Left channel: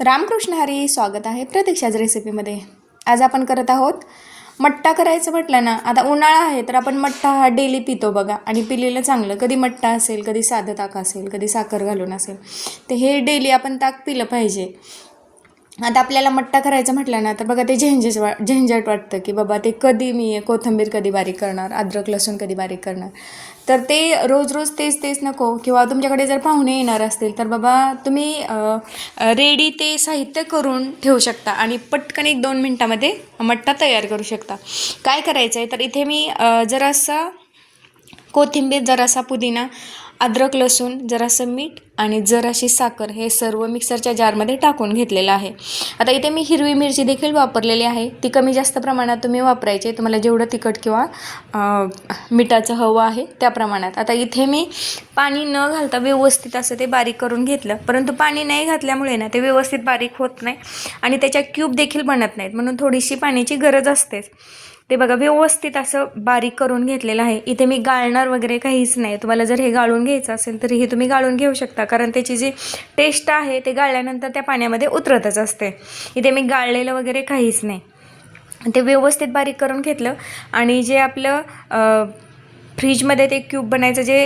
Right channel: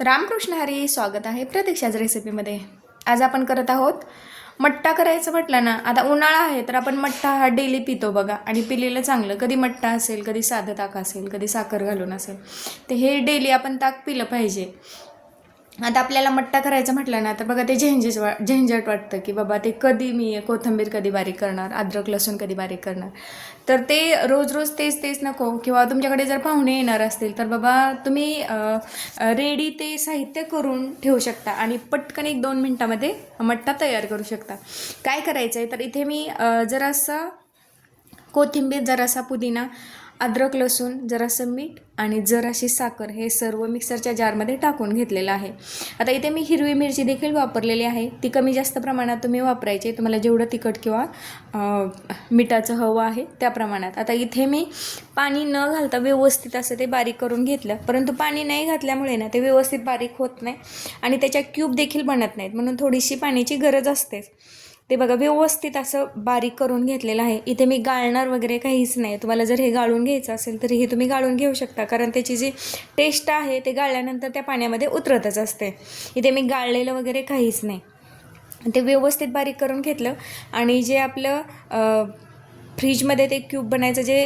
रामकृष्ण हरी, स्वागत आहे प्रतीक्षाच रेसिपीमध्ये. आज आपण करत आहोत मट्टा. करायचं म्हटलं ना, आता उन्हाळा आहे तर आपण मट्टा हा डेली पितो बघा, आणि पिलेलं चांगलं. कधी मट्टा असेल, कधी साधं ताक असेल, कधी साखर घालून असेल, तर हे डेली आपण ताक पिलं पाहिजे. आता आपल्याला मट्टा करायचं म्हटलं ना, तर बघा ते झंझट वाटतं की बाबा ते कधी मी कोथिंबीर कधी बारीक करणार, अद्रक लसूण कधी बारीक करणार. तर ते रोज रोज तेच तेच नको. किंवा तुमच्याकडे जर पाहुणे येणार असतील तर बाबा तुम्ही रेडी ते साहित्य करून ठेवू शकता आणि पटकन 1-2 मिनटामध्ये मट्टा तयार करू शकता. काय करायचं आहे तर इथे मी जरासा कोथिंबीर, जरासा पुदिना, अद्रक लसूण, जरासं मीठ आणि जराशी साखर हे सर्व मिक्सरच्या जारमध्ये टाकून घेतलेलं आहे. आता इथे मी हिरवी मिरची देखील वापरलेली आहे. ती कमी जास्त प्रमाणात तुम्ही वापरायची, तुम्हाला जेवढं तिखट किंवा मिठाचं हवं आहे त्या प्रमाणात. आता इथे मी पाणी न घालता व्यवस्थित असं ते बारीक करून घेतलं, परंतु पाणी नाही घातल्यामुळे ना ते व्यवस्थित बारीक होत नाही आणि त्याच्या क्यूब देखील बनत नाहीत, म्हणून थोडीशी पाण्याची गरज असतेच. ते बघा व्यवस्थित असं बारीक करून घेतलेलं आहे. इथे मी गाळणार वगैरे काहीच नाही. तुम्हाला जर हे गाळून घ्यायचं असेल तरी हे तुम्ही गाळून घेऊ शकता, कारण त्याची जी टेस्ट आहे ते गाळल्यानंतर त्या पाण्यामध्ये उतरतच असते. इथे मी गाळलेलं वगैरे काहीच नाही. ते व्यवस्थित बारीक करून घेतलं आणि जे आपलं फ्रीजमध्ये ते क्यूब बनायचं जे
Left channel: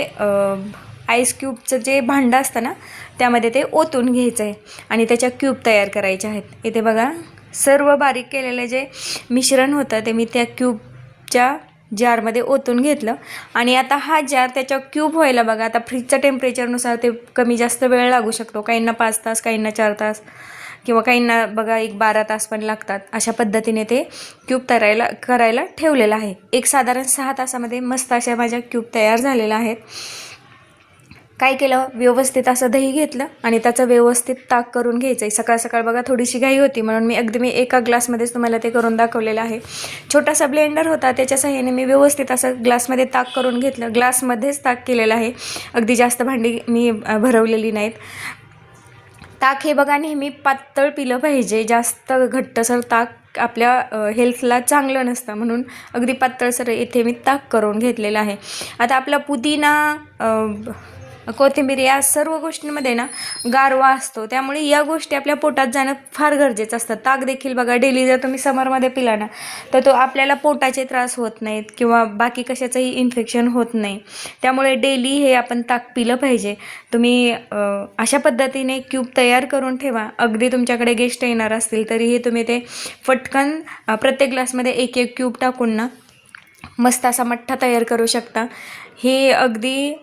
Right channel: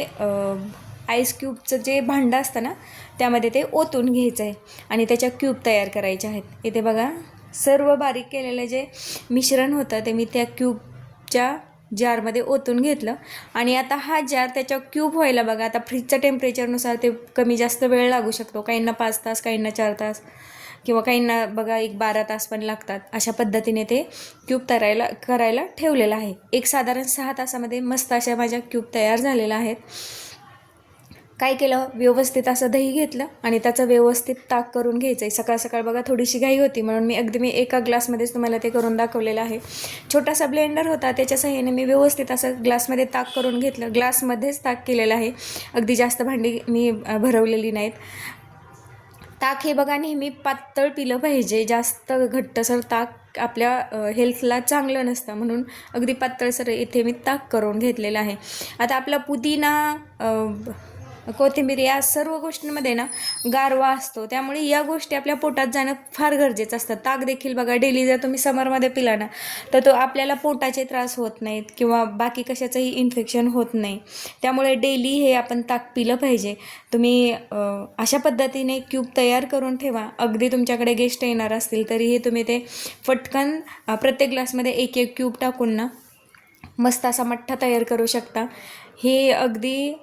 आईस क्यूबचं जे भांडं असतं ना, त्यामध्ये ते ओतून घ्यायचं आहे आणि त्याच्या क्यूब तयार करायच्या आहेत. इथे बघा सर्व बारीक केलेले जे मिश्रण होतं ते मी त्या क्यूबच्या जारमध्ये ओतून घेतलं आणि आता हा जार त्याच्या क्यूब व्हायला बघा, आता फ्रीजच्या टेम्परेचरनुसार ते कमी जास्त वेळ लागू शकतो. काहींना 5 तास, काहींना 4 तास किंवा काहींना बघा 1-12 तास पण लागतात. अशा पद्धतीने ते क्यूब करायला ठेवलेलं आहे. एक साधारण 6 तासामध्ये मस्त अशा माझ्या क्यूब तयार झालेल्या आहेत. काय केलं, व्यवस्थित असं दही घेतलं आणि त्याचं व्यवस्थित ताक करून घ्यायचं आहे. सकाळ सकाळ बघा थोडीशी घाई होती, म्हणून मी एका ग्लासमध्येच तुम्हाला ते करून दाखवलेलं आहे. छोटासा ब्लेंडर होता, त्याच्या सहाय्याने मी व्यवस्थित असं ग्लासमध्ये ताक करून घेतलं. ग्लासमध्येच ताक केलेलं आहे, अगदी जास्त भांडी मी भरवलेली नाहीत. ताक हे बघा नेहमी पातळ पिलं पाहिजे. जास्त घट्टसर ताक आपल्या हेल्थला चांगलं नसतं, म्हणून अगदी पातळसर इथे मी ताक करून घेतलेलं आहे. आता आपला पुदिना, कोथिंबीर या सर्व गोष्टींमध्ये ना गारवा असतो, त्यामुळे या गोष्टी आपल्या पोटात जाणं फार गरजेचं असतं. ताक देखील बघा डेली जर तुम्ही समरमध्ये पिला ना, तर तो आपल्याला पोटाचे त्रास होत नाहीत किंवा बाकी कशाचंही इन्फेक्शन होत नाही. त्यामुळे डेली हे आपण ताक पिलं पाहिजे. तुम्ही अशा पद्धतीने क्यूब तयार करून ठेवा. अगदी तुमच्याकडे गेस्ट येणार असतील तरीही तुम्ही ते पटकन प्रत्येक ग्लासमध्ये 1-1 क्यूब टाकून ना मस्त असा मठ्ठा तयार करू शकता. हे अगदी